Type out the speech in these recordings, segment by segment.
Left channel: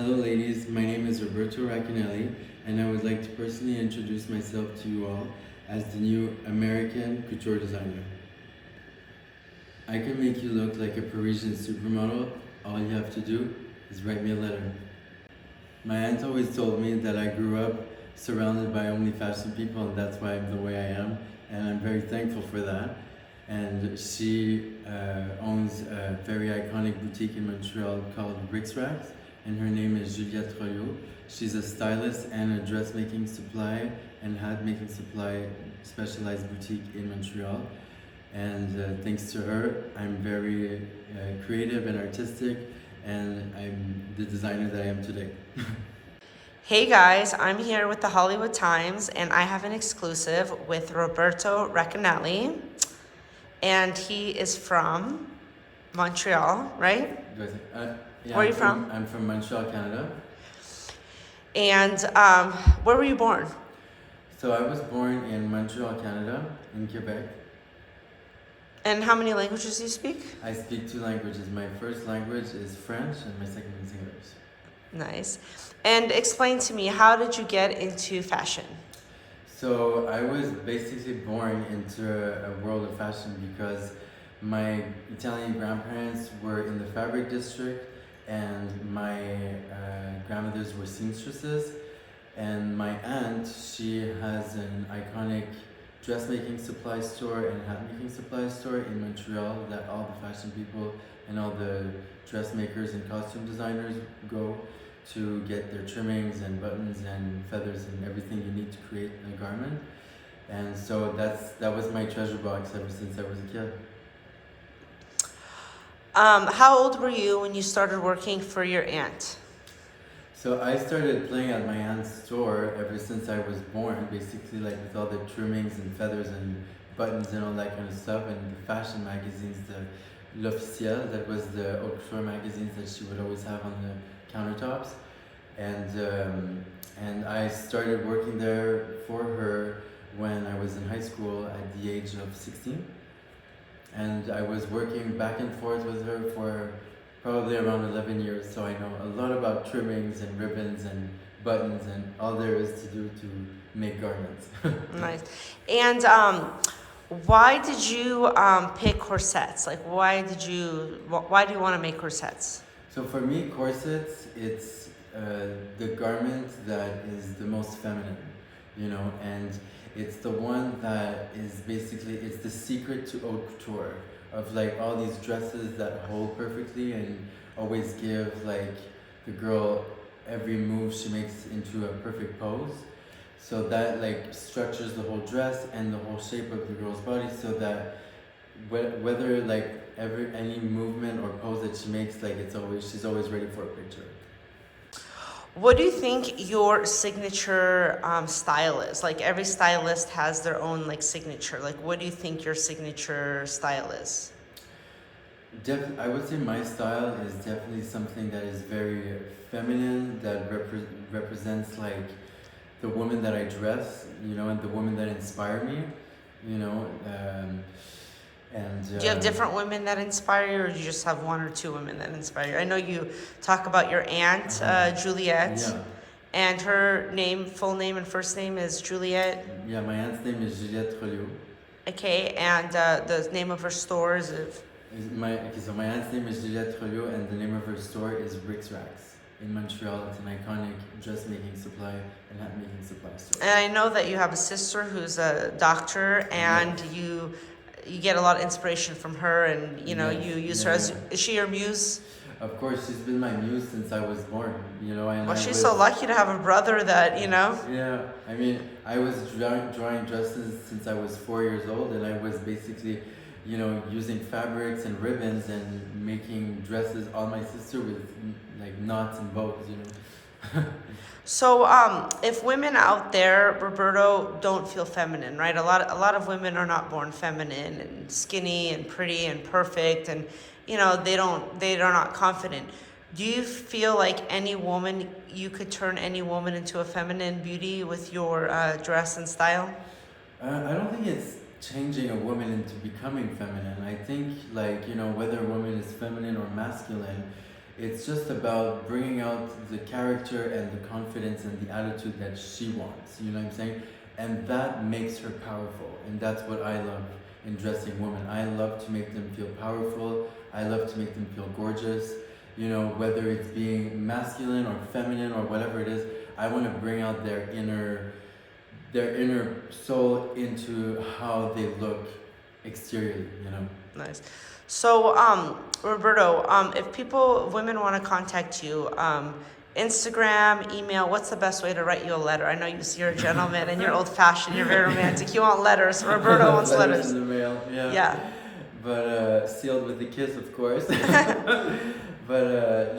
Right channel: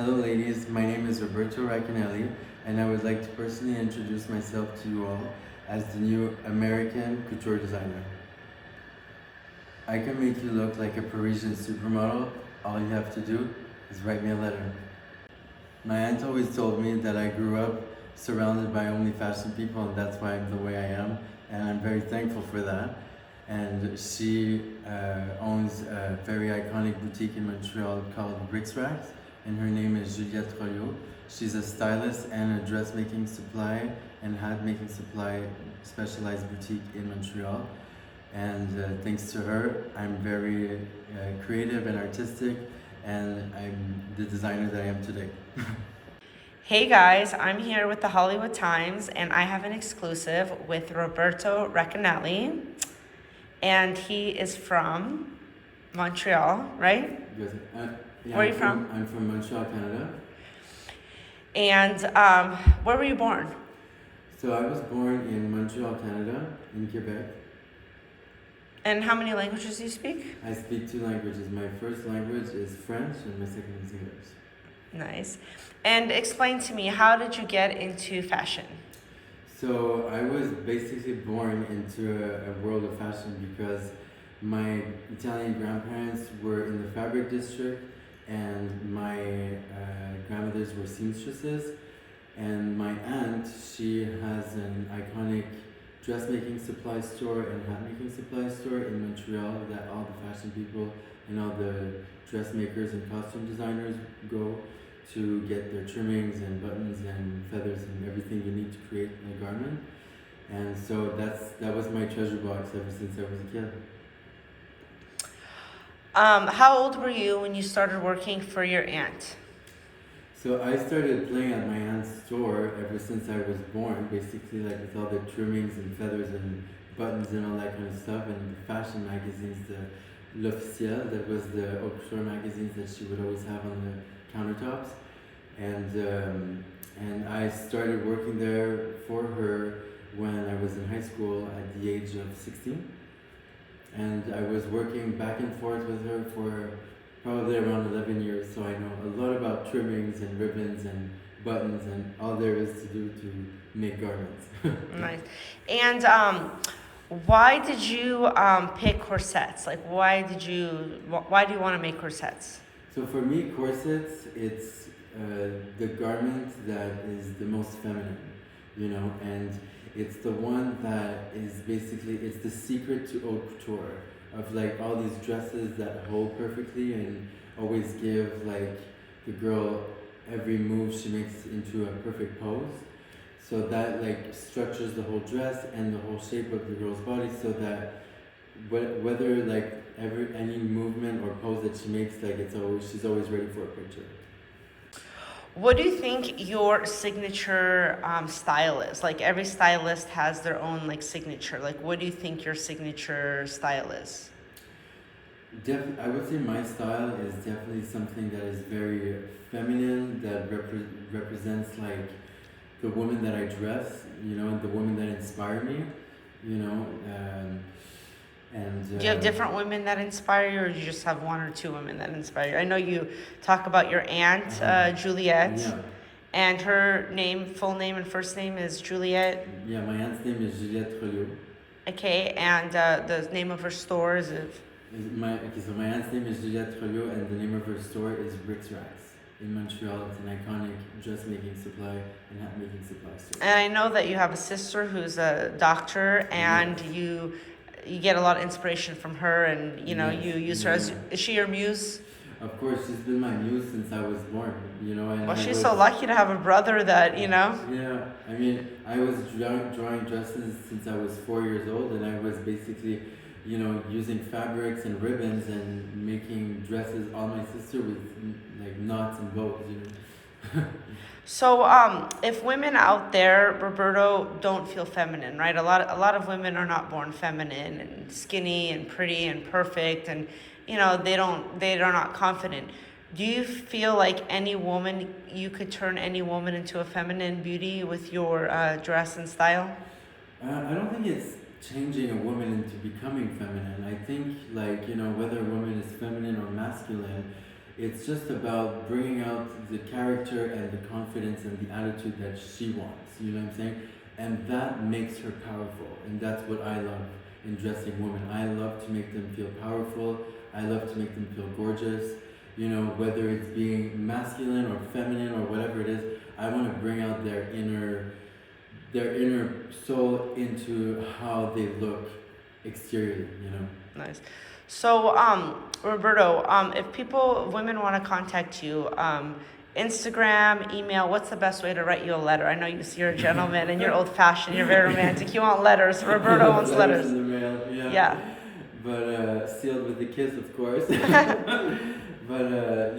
Hello ladies, my name is Roberto Racanelli and I would like to personally introduce myself to you all as the new American couture designer. I can make you look like a Parisian supermodel. All you have to do is write me a letter. My aunt always told me that I grew up surrounded by only fashion people and that's why I'm the way I am, and I'm very thankful for that. And she owns a very iconic boutique in Montreal called Rix Rax, and her name is Juliette Trolio. She's a stylist and a dressmaking supply and hat making supply specialized boutique in Montreal. And thanks to her, I'm very creative and artistic, and I'm the designer that I am today. Hey guys, I'm here with the Hollywood Times and I have an exclusive with Roberto Racanelli, and he is from Montreal, right? Yeah, Where are you from? I'm from Montreal, Canada. And where were you born? So I was born in Montreal, Canada, in Quebec. And how many languages do you speak? I speak 2 languages. My first language is French and my second is English. Nice. And explain to me, how did you get into fashion? So I was basically born into a world of fashion because my Italian grandparents were in the fabric district and my grandmothers were seamstresses, and my aunt, she has an iconic dressmaking supply store and hat making supply store in Montreal that all the fashion people and all the dressmakers and costume designers go to get their trimmings and buttons and feathers and everything you need to create a garment. And so that was my treasure box ever since I was a kid. How old were you when you started working for your aunt? So I started playing at my aunt's store ever since I was born, basically, like with all the trimmings and feathers and buttons and all that kind of stuff, and the fashion magazines, the L'Officiel, that was the haute couture magazines that she would always have on the countertops. And I started working there for her when I was in high school at the age of 16. And I was working back and forth with her for probably around 11 years, so I know a lot about trimmings and ribbons and buttons and all there is to do to make garments. Nice. And why did you pick corsets? Like, why do you want to make corsets? So for me, corsets, it's the garment that is the most feminine, you know, and it's the one that is basically, it's the secret to haute couture, of like all these dresses that hold perfectly and always give like the girl every move she makes into a perfect pose. So that like structures the whole dress and the whole shape of the girl's body, so that whether like any movement or pose that she makes, like she's always ready for a picture. What do you think your signature style is? Like, every stylist has their own like signature. Like, what do you think your signature style is? I would say my style is definitely something that is very feminine, that represents like the woman that I dress, you know, and the women that inspire me, you know. Do you have different women that inspire you, or do you just have 1 or 2 women that inspire you? I know you talk about your aunt, Juliette, yeah. And her full name and first name is Juliette. Yeah, my aunt's name is Juliette Trolio. Okay, and the name of her store is? So my aunt's name is Juliette Trolio, and the name of her store is Rix Rax in Montreal. It's an iconic dressmaking supply and hat making supply store. And I know that you have a sister who's a doctor, and yes, you get a lot of inspiration from her, and you know, yes, you use her as, is she your muse? Of course, she's been my muse since I was born, you know. And well, she's so lucky to have a brother that, you know. Yeah, I mean, I was drawing dresses since I was 4 years old, and I was basically, you know, using fabrics and ribbons and making dresses on my sister with like knots and bows, you know. So, if women out there, Roberto, don't feel feminine, right? A lot of women are not born feminine and skinny and pretty and perfect, and you know, they're not confident. Do you feel like you could turn any woman into a feminine beauty with your dress and style? I don't think it's changing a woman into becoming feminine. I think, like, you know, whether a woman is feminine or masculine, It's just about bringing out the character and the confidence and the attitude that she wants, you know what I'm saying? And that makes her powerful, and that's what I love in dressing women. I love to make them feel powerful, I love to make them feel gorgeous, you know, whether it's being masculine or feminine or whatever it is. I want to bring out their inner soul into how they look exteriorly, you know. Nice. So, Roberto, if women want to contact you, Instagram, email, what's the best way to write you a letter? I know you're a gentleman and you're old-fashioned, you're very romantic. You want letters. Roberto wants letters. In the mail, yeah. Yeah. But sealed with a kiss, of course. But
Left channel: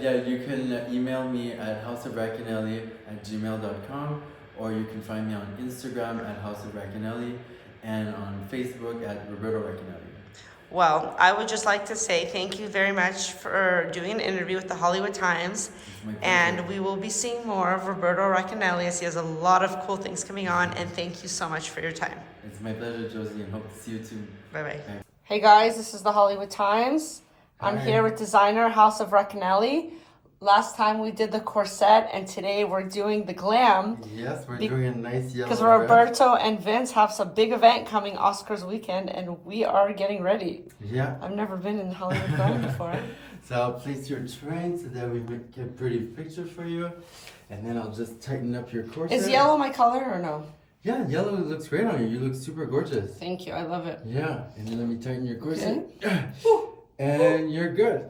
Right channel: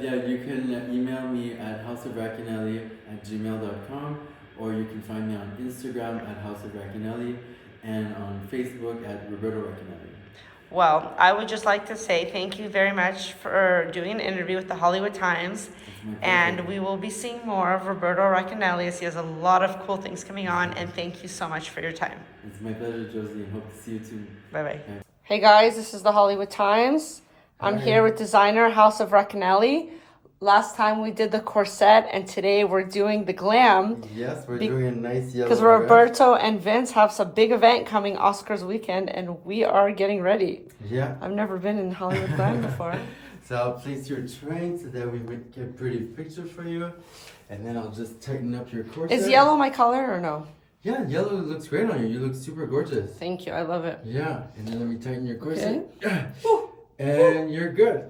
yeah, you can email me at houseofracanelli@gmail.com, or you can find me on Instagram at House of Racanelli and on Facebook at Roberto Racanelli. Well, I would just like to say thank you very much for doing an interview with the Hollywood Times. And we will be seeing more of Roberto Racanelli as he has a lot of cool things coming on. And thank you so much for your time. It's my pleasure, Josie, and hope to see you too. Bye-bye. Okay. Hey guys, this is the Hollywood Times. I'm here with designer House of Racanelli. Last time we did the corset, and today we're doing the glam. Yes, we're doing a nice yellow because dress. Roberto and Vince have some big event coming, Oscars weekend, and we are getting ready. Yeah. I've never been in Hollywood glam before. So I'll place your train so that we make a pretty picture for you. And then I'll just tighten up your corset. Is yellow my color or no? Yeah, yellow looks great on you. You look super gorgeous. Thank you, I love it. Yeah, and then let me tighten your corset. Okay. And you're good.